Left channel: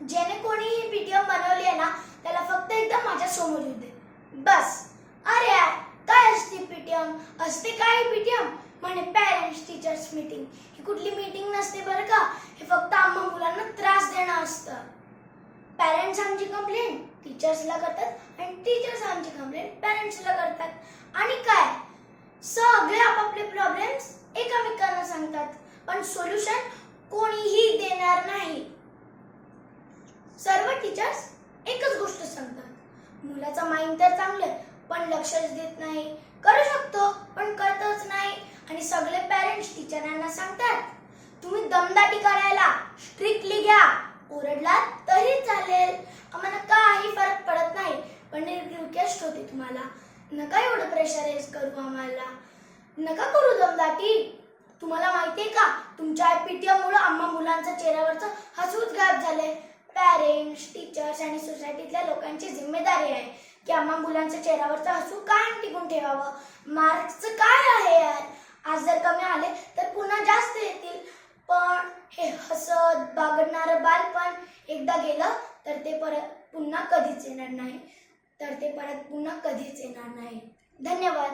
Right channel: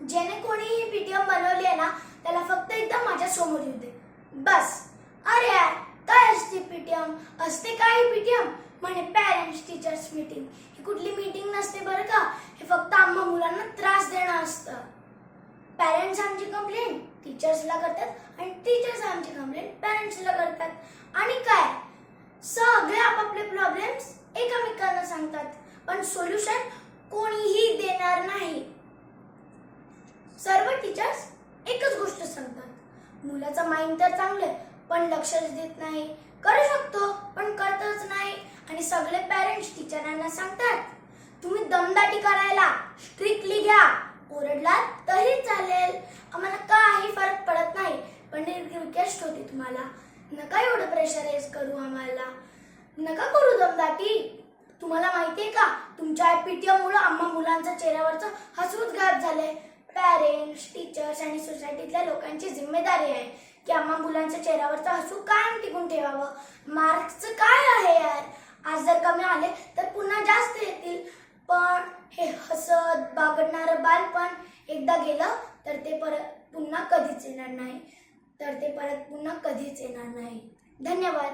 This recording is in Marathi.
ज्याने कोणी ही पीटीएम बनवली आहे ना त्याला फक्त एकदा माझ्या समोर येऊ दे बस. अरे यार काय असते पीटीएम? असते काय पीटीएम? म्हणे पॅरेंट्स टीचर्स मीटिंग. ही कुठली मीटिंग नसते बरं का. हे फक्त आम्हा मुलांना त्रास देणं असतं. पॅरेंट्स आमची कंप्लेंट टीचर्सला करतात आणि टीचर्स आमची कंप्लेंट पॅरेंट्सला करतात. आणि काय सगळे आपापले प्रॉब्लेम्स एकमेकांना सांगतात पण सोल्युशन कोणीही देणार नाही. सर्व टीचर्स एकच गोष्ट सांगतात, मुलाचं माइंड तर चांगलं पण लक्षच देत नाही, करू शकतो पण करतच नाही. आणि सगळे पॅरेंट्स टीचरांना सांगतात तुम्ही दमदाटी करायला स्ट्रिक्टली घ्या, ओरडलात तरी चालेल, आम्हाला काही फरक पडत नाही. पण रिक्वेस्ट होती तुम्हाला, नका एवढं प्रेशराईज करू आम्हाला, नका करू दमदाटी. तुम्हाला माहितीये का तुमच्या पीटीएम मुळे आम्हा मुलांच्या चेहऱ्यावरचं हसूच गायब झालंय. पॅरेंट्स टीचर्स आणि सोसायटीतल्या लोकांची जिम्मेदारी आहे की आम्हा मुलांच्या चेहऱ्यावरचं हसू कायम टिकून ठेवावं. मार्क्सचं काय आहे यार, आज जर कमी आले तर पुन्हा जास्त येतील. पण हे हसत बागडणारं बालपण एकदा गेलं तर ते परत पुन्हा कधीच येणार नाही. धन्यवाद.